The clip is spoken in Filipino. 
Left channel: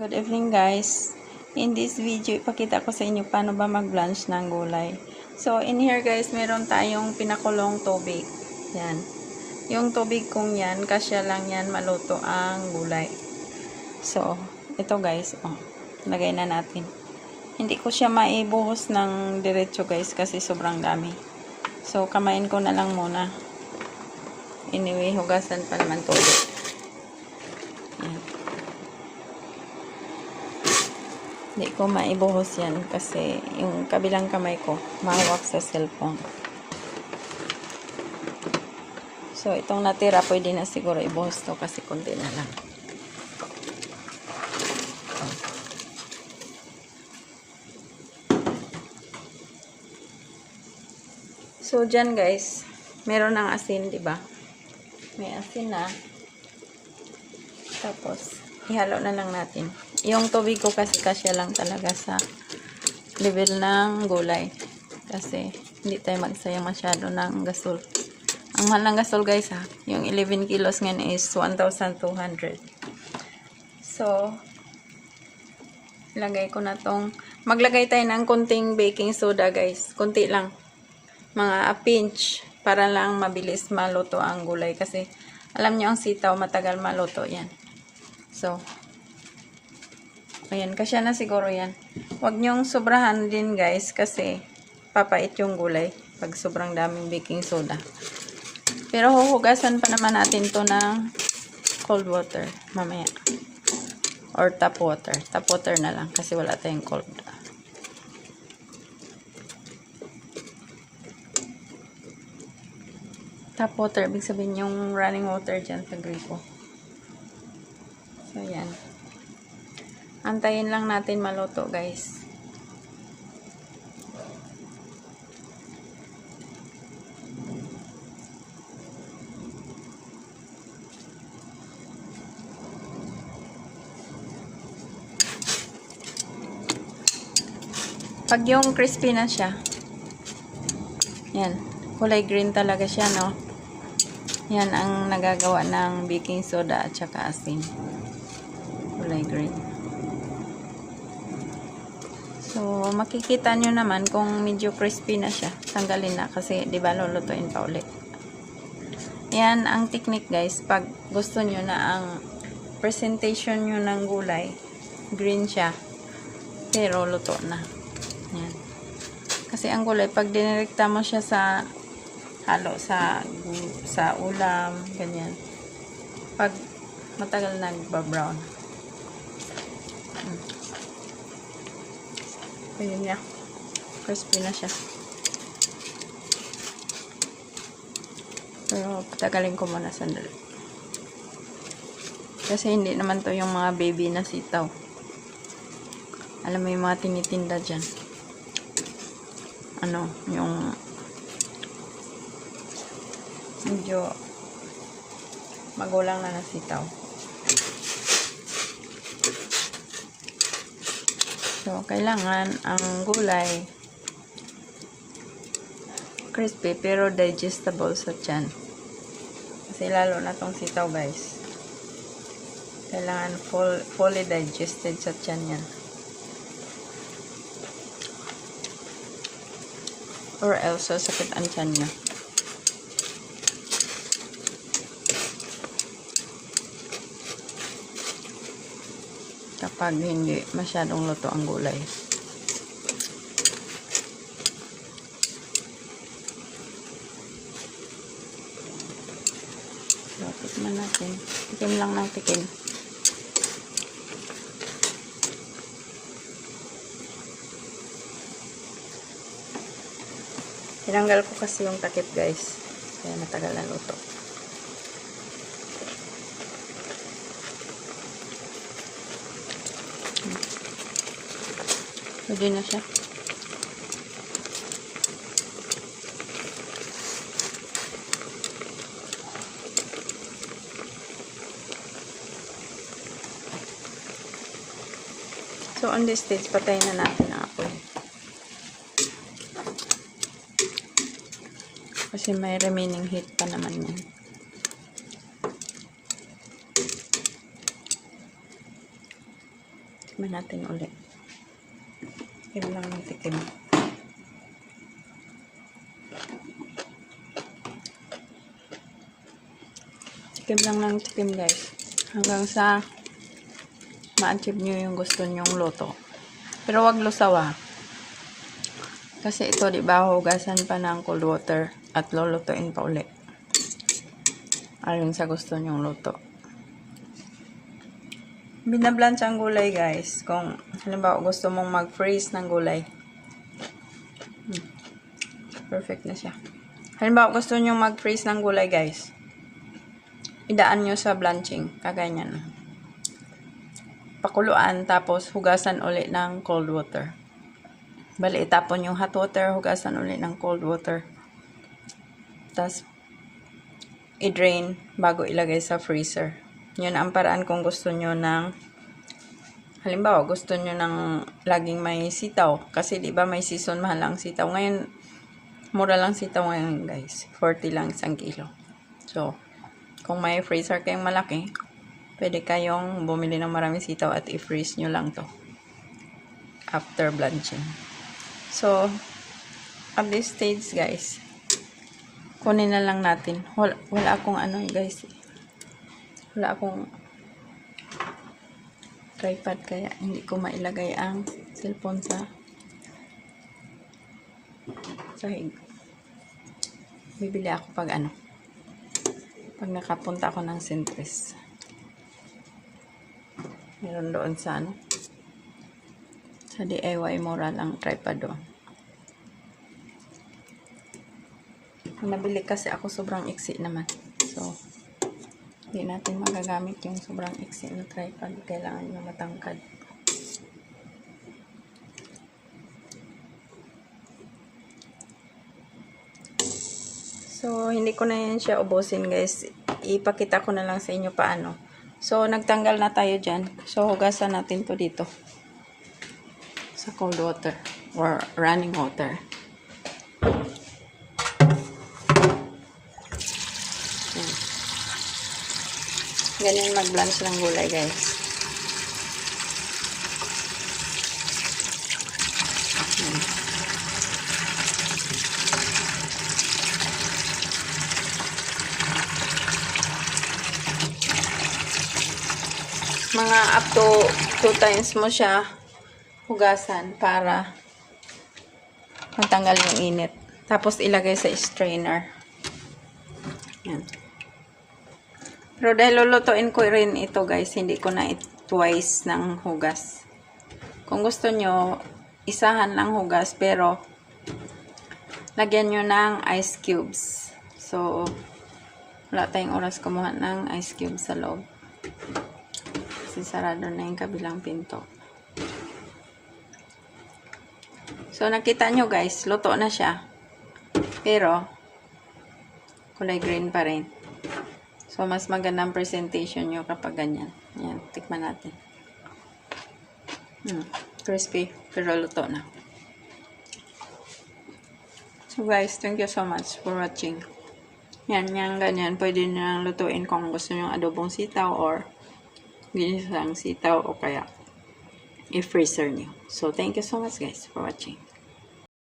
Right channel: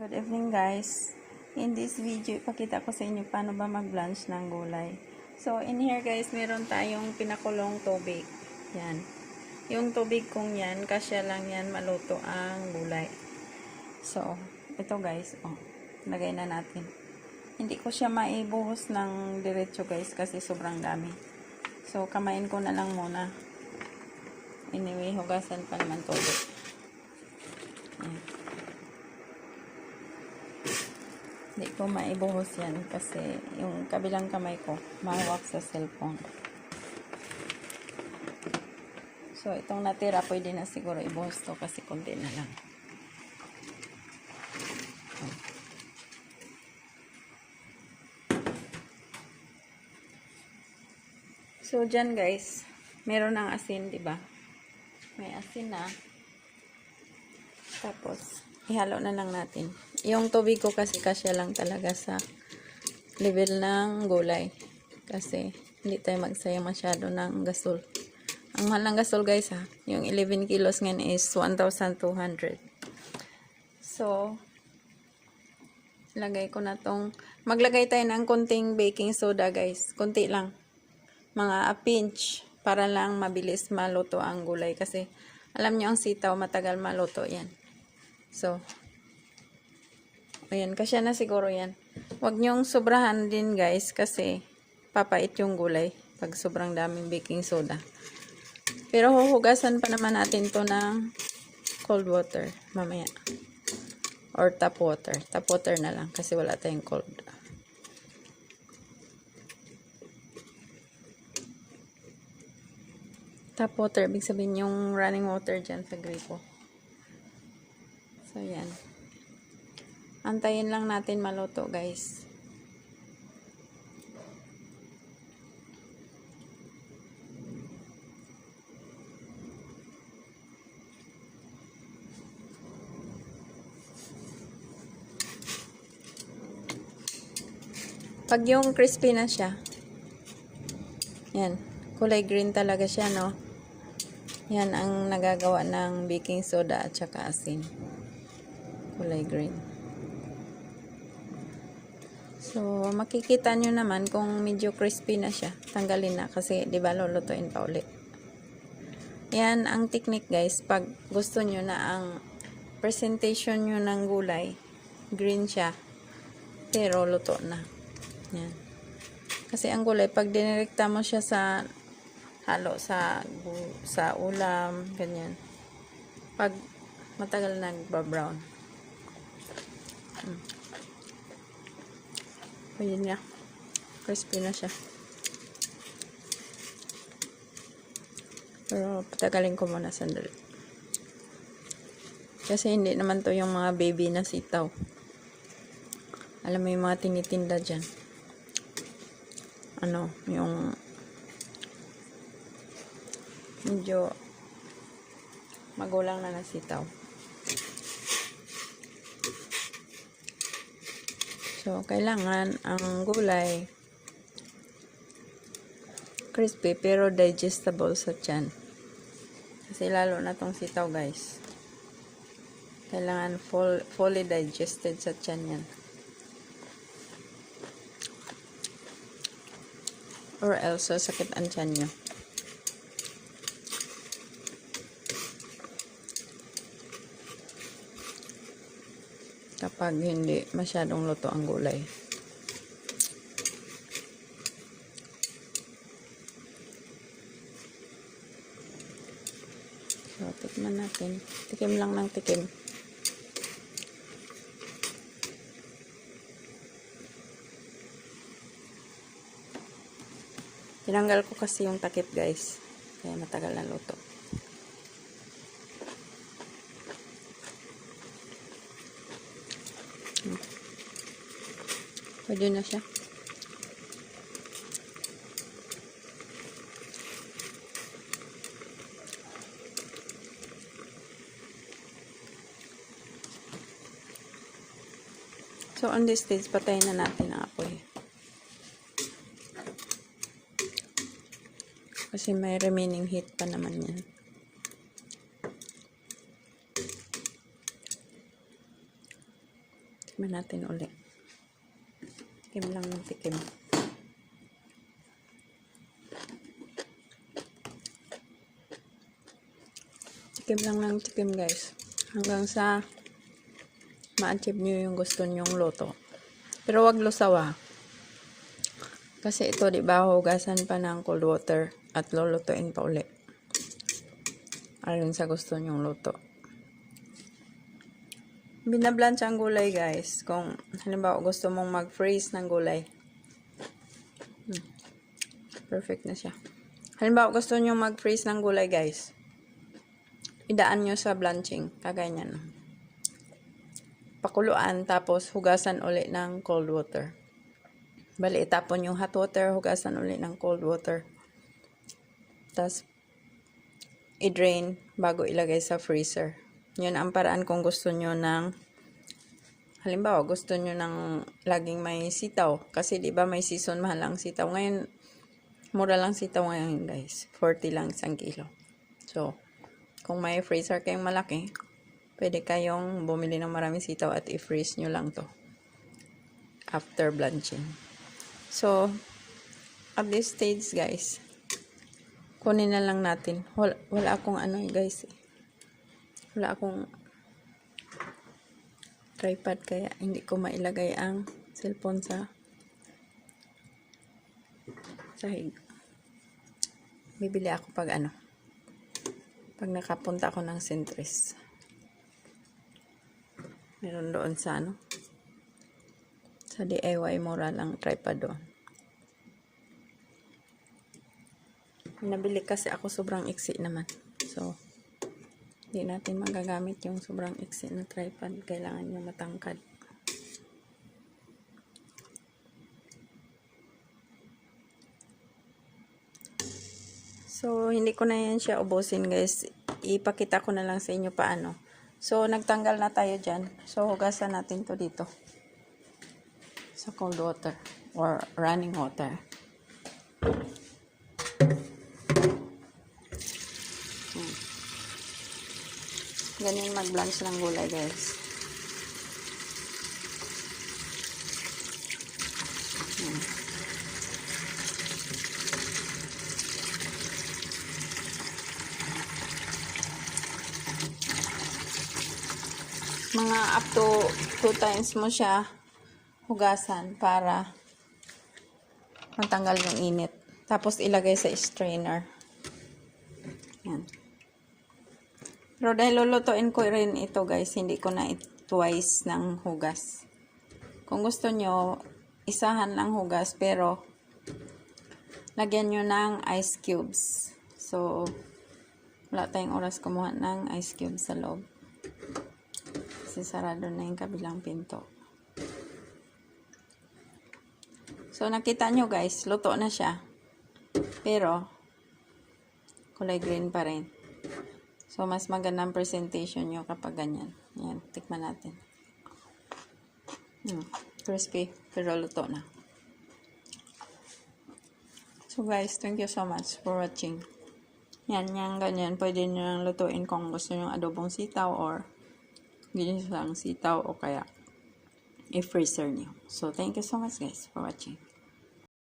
Good evening guys. In this video, ipakita ko sa inyo paano ba mag-blanch ng gulay. So, in here guys, meron tayong pinakulong tubig. Yan. Yung tubig kong yan, kasya lang yan maluto ang gulay. So, ito guys, lagay na natin. Hindi ko siya maibuhos ng diretso guys kasi sobrang dami. So, kamayin ko na lang muna. Anyway, hugasan pa naman tubig. Yan. Hindi ko maibuhos yan kasi yung kabilang kamay ko mahawak sa cellphone. So, itong natira pwede na siguro ibuhos to kasi kunti na lang. So, dyan guys, meron ng asin, diba? May asin na. Tapos, ihalo na lang natin. Yung tubig ko kasi kasya lang talaga sa level ng gulay. Kasi, hindi tayo magsayang masyado ng gasol. Ang mahal ng gasol guys ha. Yung 11 kilos ngayon is 1,200. So, ilagay ko na tong, maglagay tayo ng konting baking soda guys. Konti lang. Mga a pinch. Para lang mabilis maluto ang gulay. Kasi, alam niyo ang sitaw matagal maluto yan. So, ayan, kasya na siguro yan. Huwag nyong sobrahan din guys kasi papait yung gulay pag sobrang daming baking soda. Pero huhugasan pa naman natin to ng cold water mamaya. Or tap water. Tap water na lang kasi wala tayong cold. Tap water, ibig sabihin yung running water dyan sa gripo. So, yan. Antayin lang natin maluto, guys. Pag yung crispy na siya, yan, kulay green talaga siya, no? Yan ang nagagawa ng baking soda at saka asin. Kulay green. So, makikita nyo naman kung medyo crispy na siya. Tanggalin na kasi, di ba, lulutuin pa ulit. Yan ang technique guys. Pag gusto nyo na ang presentation nyo ng gulay, green siya, pero luto na. Yan. Kasi ang gulay, pag dinirekta mo siya sa halo sa ulam, ganyan. Pag matagal nagba-brown. Ayun niya. Crispy na siya. Pero patagalin ko muna sandali. Kasi hindi naman to yung mga baby na sitaw. Alam mo yung mga tinitinda dyan. Ano, yung medyo magulang na sitaw. So, kailangan ang gulay crispy pero digestible sa tiyan. Kasi lalo na tong sitaw guys. Kailangan fully digested sa tiyan yan. Or else, sasakit ang tiyan nyo. Kapag hindi masyadong luto ang gulay. So, tikman natin. Tikim lang ng tikim. Tinanggal ko kasi yung takip guys. Kaya matagal na luto. Pwede na siya. So, on this stage, patayin na natin ang apoy. Kasi may remaining heat pa naman yan. Tikman natin ulit. Tikim lang ng tikim. Tikim lang ng tikim guys. Hanggang sa ma-achieve nyo yung gusto nyong luto. Pero wag lusaw ah. Kasi ito diba hugasan pa ng cold water at lulutuin pa ulit. Ayon sa gusto nyong luto. Binablanch ang gulay guys. Kung halimbawa gusto mong mag-freeze ng gulay. Perfect na siya. Halimbawa gusto nyo mag-freeze ng gulay guys. Idaan nyo sa blanching. Kaganyan. Pakuluan tapos hugasan ulit ng cold water. Bali itapon yung hot water, hugasan ulit ng cold water. Tapos i-drain bago ilagay sa freezer. Yun ang paraan kung gusto nyo ng halimbawa gusto nyo ng laging may sitaw. Kasi di ba may season mahal ang sitaw. Ngayon, mura lang sitaw ngayon guys. 40 lang isang kilo. So, kung may freezer kayong malaki, pwede kayong bumili ng maraming sitaw at i-freeze nyo lang to. After blanching. So, at this stage guys, kunin na lang natin. Wala akong ano guys. Wala akong tripod kaya hindi ko mailagay ang cellphone sa sahig. Bibili ako pag ano. Pag nakapunta ako ng Centris. Meron doon sa ano. Sa DIY mura lang tripod doon. Nabili kasi ako sobrang iksi naman. So, hindi natin magagamit yung sobrang iksi na tripod. Kailangan nyo matangkad. So, hindi ko na yan siya ubusin guys. Ipakita ko na lang sa inyo paano. So, nagtanggal na tayo dyan. So, hugasan natin to dito. Sa cold water. Or running water. Ganyan mag-blanch ng gulay guys. Mga up to 2 times mo siya hugasan para matanggal yung init. Tapos ilagay sa strainer. Yan. Pero dahil lulutuin ko rin ito guys, hindi ko na twice ng hugas. Kung gusto nyo, isahan lang hugas, pero lagyan nyo ng ice cubes. So, wala tayong oras kumuha ng ice cubes sa loob. Kasi sarado na yung kabilang pinto. So, nakita nyo guys, luto na siya. Pero, kulay green pa rin. So, mas magandang presentation nyo kapag ganyan. Yan, tikman natin. Crispy, pero luto na. So, guys, thank you so much for watching. Yan, ganyan. Pwede nyo lutuin kung gusto nyo adobong sitaw or ginisang sitaw o kaya i-freezer nyo. So, thank you so much guys for watching.